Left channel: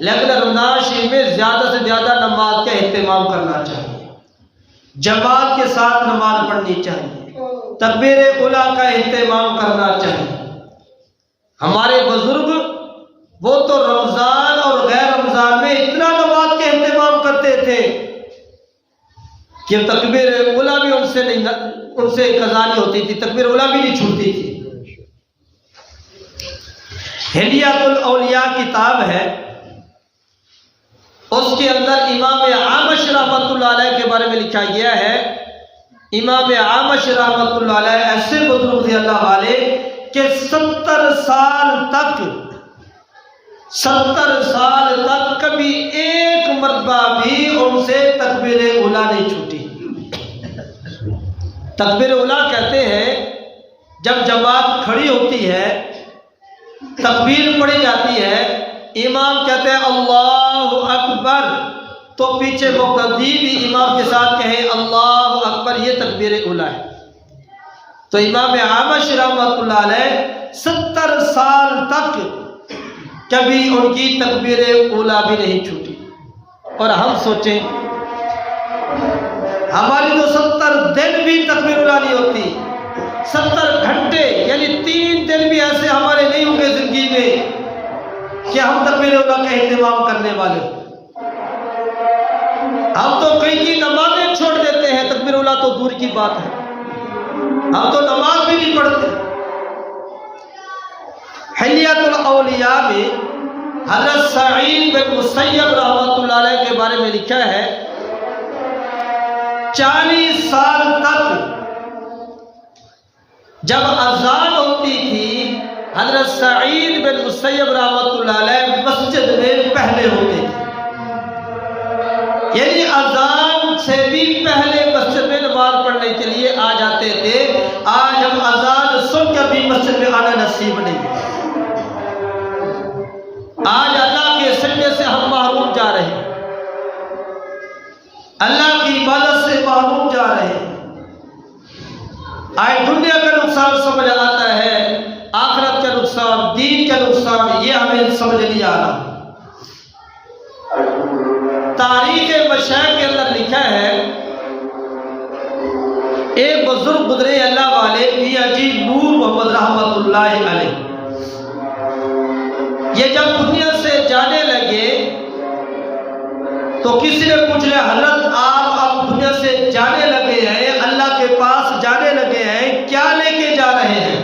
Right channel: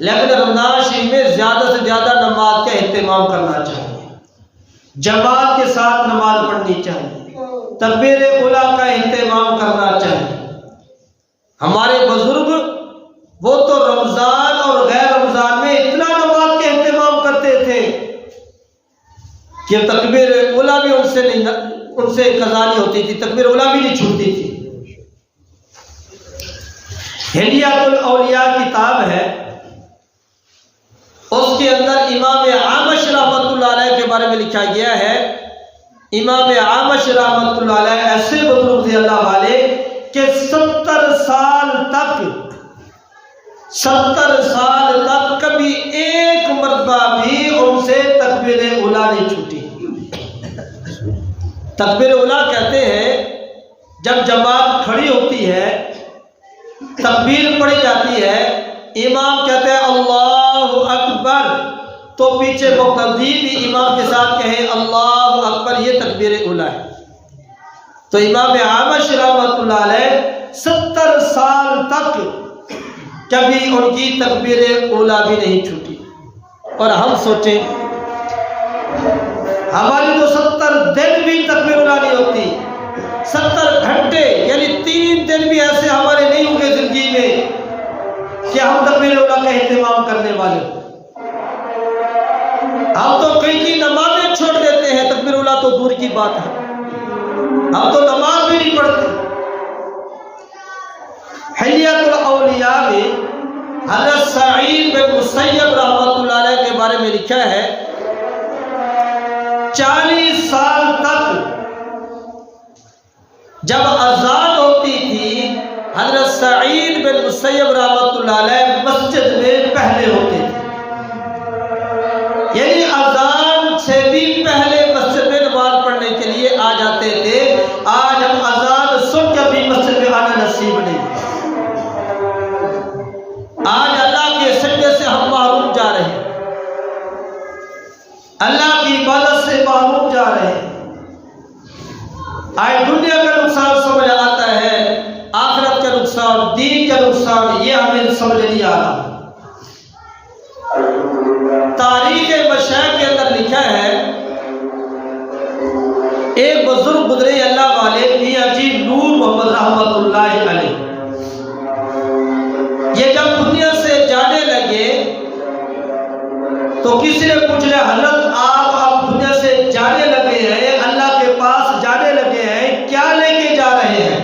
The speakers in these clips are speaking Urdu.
لیکن رمضان شریف میں زیادہ سے زیادہ نماز کا اہتمام کرنا چاہیے، جماعت کے ساتھ نماز پڑھنی چاہیے، تکبیر اولیٰ کا اہتمام کرنا چاہیے۔ ہمارے بزرگ وہ تو رمضان اور غیر رمضان میں اتنا نماز کے اہتمام کرتے تھے کہ تکبیر اولیٰ بھی ان سے قضا نہیں ہوتی تھی، تکبیر اولیٰ بھی نہیں چھوٹتی تھی۔ ہلیات الاولیاء کتاب ہے، اس کے اندر امام اعمش رحمۃ اللہ علیہ کے بارے میں لکھا گیا ہے۔ امام اعمش رحمۃ اللہ علیہ ایسے بزرگ تھے اللہ والے کہ 70 سال تک کبھی ایک مرتبہ بھی ان سے تکبیر اولیٰ نہیں چھوٹی۔ تکبیر اولیٰ کہتے ہیں جب جماعت کھڑی ہوتی ہے، تکبیر پڑھی جاتی ہے، امام کہتے ہیں اللہ اکبر، تو پیچھے مقتدی بھی امام کے ساتھ کہیں اللہ اکبر، یہ تکبیر اولیٰ ہے۔ تو امام اعمش رحمۃ اللہ علیہ 70 سال تک کبھی ان کی تکبیر اولیٰ بھی نہیں چھوٹی۔ اور ہم سوچیں ہماری تو 70 دن بھی تکبیر اولیٰ نہیں ہوتی، 70 گھنٹے یعنی 3 دن بھی ایسے ہمارے نہیں ہوں گے زندگی میں کہ ہم تکبیر اولیٰ کا اہتمام کرنے والے ہوں۔ ہم تو کئی نمازیں چھوڑ دیتے ہیں، تکبیر اولیٰ تو دور کی بات ہے، ہم تو نماز بھی نہیں پڑھتے۔ حلیات الاولیاء میں حضرت سعید بن مسیب رحمۃ اللہ علیہ کے بارے میں لکھا ہے 40 سال تک جب اذان ہوتی تھی حضرت سعید بن مسیب رحمۃ اللہ علیہ مسجد میں پہلے ہوتے تھے، یعنی اذان سے بھی پہلے مسجد میں نماز پڑھنے کے لیے آ جاتے تھے۔ آج ہم اذان سن کر بھی مسجد میں آنا نصیب نہیں، آج اللہ کے سجدے سے ہم محروم جا رہے ہیں، اللہ کی عبادت سے محروم جا رہے ہیں۔ آج دنیا کا نقصان سمجھ آتا ہے، آخرت کا نقصان، دین کا نقصان یہ ہمیں سمجھ نہیں آ رہا۔ تاریخ مشائخ کے اندر لکھا ہے ایک بزرگ گزرے اللہ والے میاں جی نور محمد رحمت اللہ علیہ، یہ جب دنیا سے جانے لگے تو کسی نے پوچھ لیا حضرت آپ اب دنیا سے جانے لگے ہیں، اللہ کے پاس جانے لگے ہیں، کیا لے کے جا رہے ہیں؟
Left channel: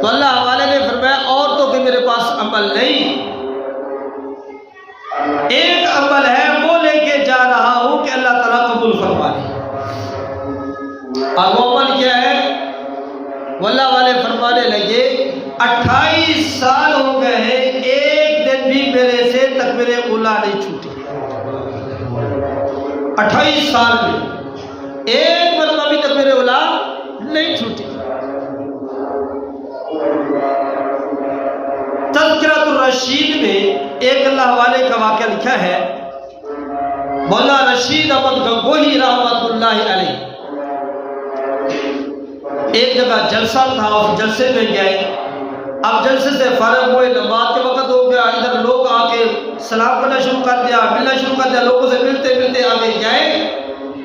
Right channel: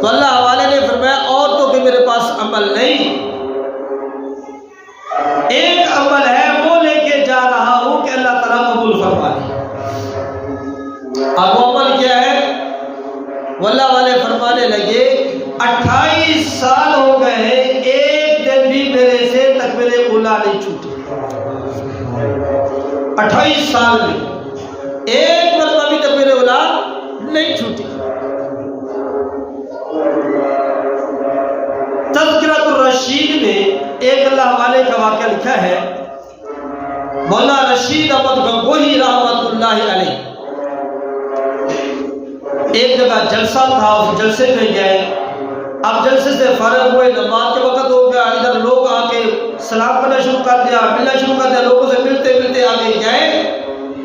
تو اللہ والے نے فرمایا اور تو کہ میرے پاس عمل نہیں، ایک عمل ہے وہ لے کے جا رہا ہوں کہ اللہ تعالیٰ قبول فرما لے۔ اب وہ عمل کیا ہے؟ واللہ والے فرمانے لگے 28 سال ہو گئے ہیں، ایک دن بھی میرے سے تکبیر اولیٰ نہیں چھوٹی۔ 28 سال میں ایک مرتبہ بھی تکبیر اولیٰ نہیں چھوٹی۔ تذکرۃ الرشید میں ایک اللہ والے کا واقعہ لکھا ہے، مولانا رشید احمد گنگوہی رحمت اللہ علیہ ایک جگہ جلسہ تھا، اس جلسے میں گئے، اب جلسے سے فارغ ہوئے، نماز کے وقت ہو گیا، ادھر لوگ آ کے سلام کرنا شروع کر دیا، ملنا شروع کر دیا، لوگوں سے ملتے ملتے آگے گئے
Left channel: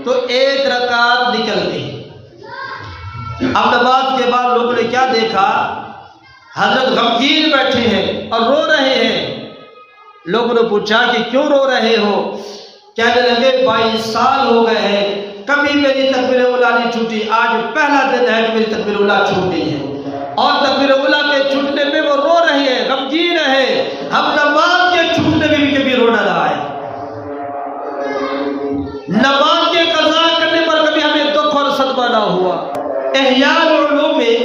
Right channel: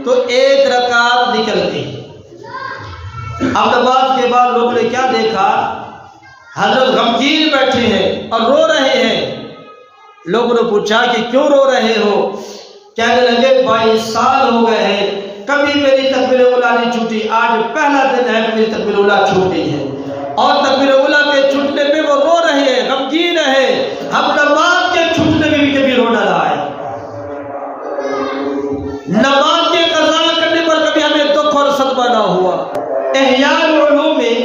تو ایک رکعت نکل گئی۔ اب نماز کے بعد لوگوں نے کیا دیکھا؟ حضرت غمگین بیٹھے ہیں اور رو رہے ہیں۔ لوگوں نے پوچھا کہ کیوں رو رہے ہو؟ کہنے لگے 22 سال ہو گئے ہیں، کبھی میری تکبیر اولیٰ نہیں چھوٹی، آج پہلا دن ہے کہ میری تکبیر اولیٰ چھوٹ گئی ہے۔ اور تکبیر اولیٰ کے چھوٹنے پہ وہ رو رہے ہیں، غمگین ہے۔ ہم نماز کے چھوٹنے میں بھی کبھی رونا نہ آیا، نماز کے قضا کرنے پر کبھی ہمیں دکھ اور صدمہ نہ ہوا۔ احیاء العلوم میں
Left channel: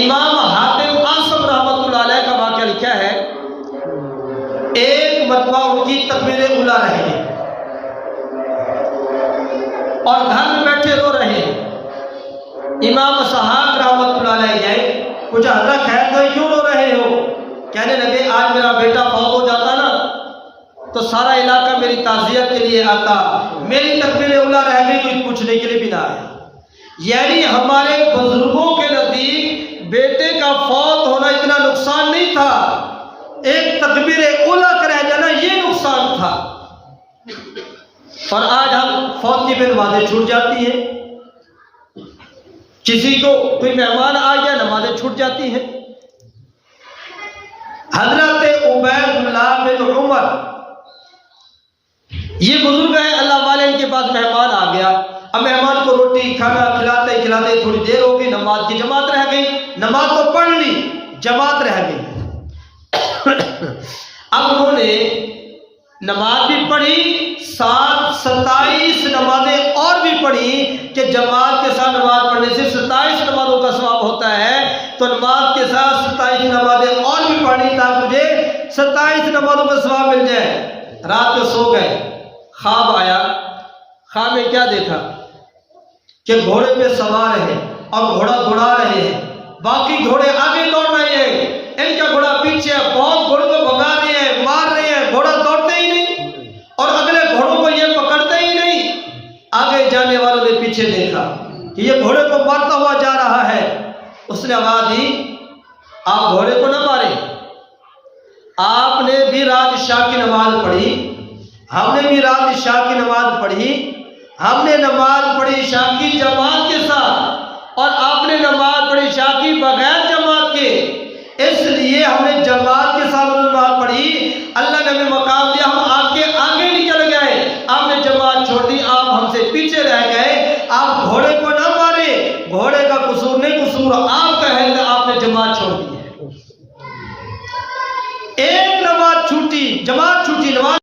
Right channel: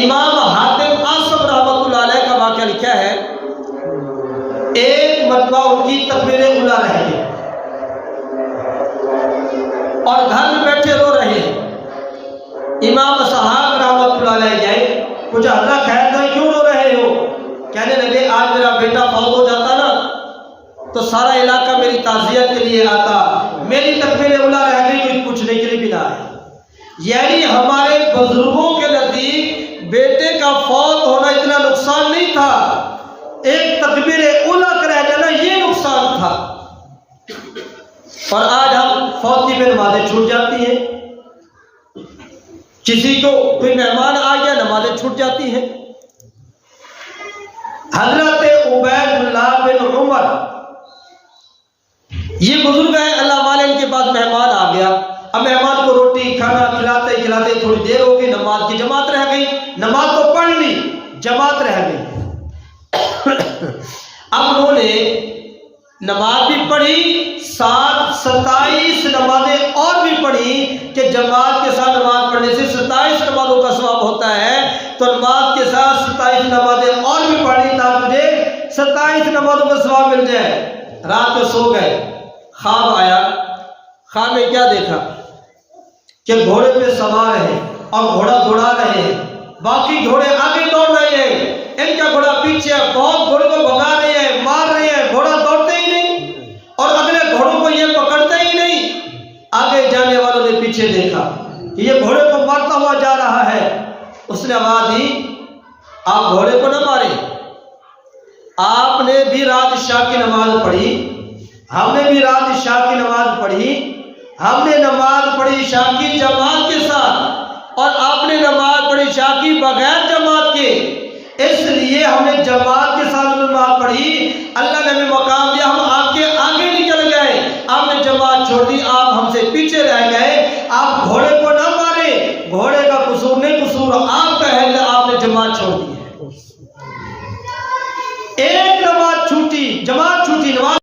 امام حاتم آصم رحمت اللہ علیہ کا واقعہ لکھا ہے، ایک مرتبہ ان کی تکبیر اولیٰ رہ گئی اور گھر میں بیٹھے رو رہے ہیں۔ امام اسحاق رحمت اللہ علیہ گئے، پوچھا حضرت خیر تو کیوں رو رہے ہو؟ کہنے لگے آج میرا بیٹا فوت ہو جاتا نا تو سارا علاقہ میری تعزیت کے لیے آتا، میری تکبیر اولیٰ رہ گئی، کوئی پوچھنے کے لیے بھی نہ آیا۔ یعنی ہمارے بزرگوں کے نزدیک بیٹے کا فوت ہونا اتنا نقصان نہیں تھا، ایک تکبیر اولیٰ کا رہ جانا یہ نقصان تھا۔ اور آج ہم فوت کی نمازیں چھوٹ جاتی ہیں، کسی کو کوئی مہمان آ گیا نمازیں چھوٹ جاتی ہیں۔ حضرت عبید اللہ بن عمر یہ بزرگ ہیں اللہ والے، ان کے پاس مہمان آ گیا، اب مہمان کو روٹی کھانا کھلاتے کھلاتے تھوڑی دیر ہو گئی، نماز کی جماعت رہ گئی، نماز تو پڑھ لی، جماعت رہ گئی۔ اب انہوں نے نماز بھی پڑھی، ساتھ 27 نمازیں اور بھی پڑھی کہ جماعت کے ساتھ نماز پڑھنے سے 27 نمازوں کا ثواب ہوتا ہے، تو نماز کے ساتھ 27 نمازیں اور بھی پڑھی تاکہ مجھے 27 نمازوں کا ثواب مل جائے۔ رات کو سو گئے، خواب آیا، خواب میں کیا دیکھا کہ گھوڑے پہ سوار ہیں اور گھوڑا دوڑا رہے ہیں، باقی گھوڑے آگے دوڑ رہے ہیں، ان کا گھوڑا پیچھے، بہت گھوڑے کو بھگا رہے ہیں، مار رہے ہیں، گھوڑا دوڑتے ہی نہیں اور اگلے گھوڑوں کو یہ پکڑتے ہی نہیں۔ آگے جانے والوں نے پیچھے دیکھا کہ یہ گھوڑے کو مارتا ہوا جا رہا ہے، اس نے آواز دی آپ گھوڑے کو نہ ماریں، آپ نے بھی رات عشاء کی نماز پڑھی، ہم نے بھی رات عشاء کی نماز پڑھی، ہم نے نماز پڑھی عشاء کی جماعت کے ساتھ اور آپ نے نماز پڑھی عشاء کی بغیر جماعت کے، اس لیے ہم نے جماعت کے ساتھ نماز پڑھی، اللہ نے ہمیں مقام دیا، ہم آپ کے آگے نکل گئے، آپ نے جماعت چھوڑ دی، آپ ہم سے پیچھے رہ گئے، آپ گھوڑے کو نہ مارے، گھوڑے کا قصور نہیں، قصور آپ کا ہے کہ آپ نے جماعت چھوڑ دی ہے۔ ایک نماز چھوٹی، جماعت چھوٹی، نماز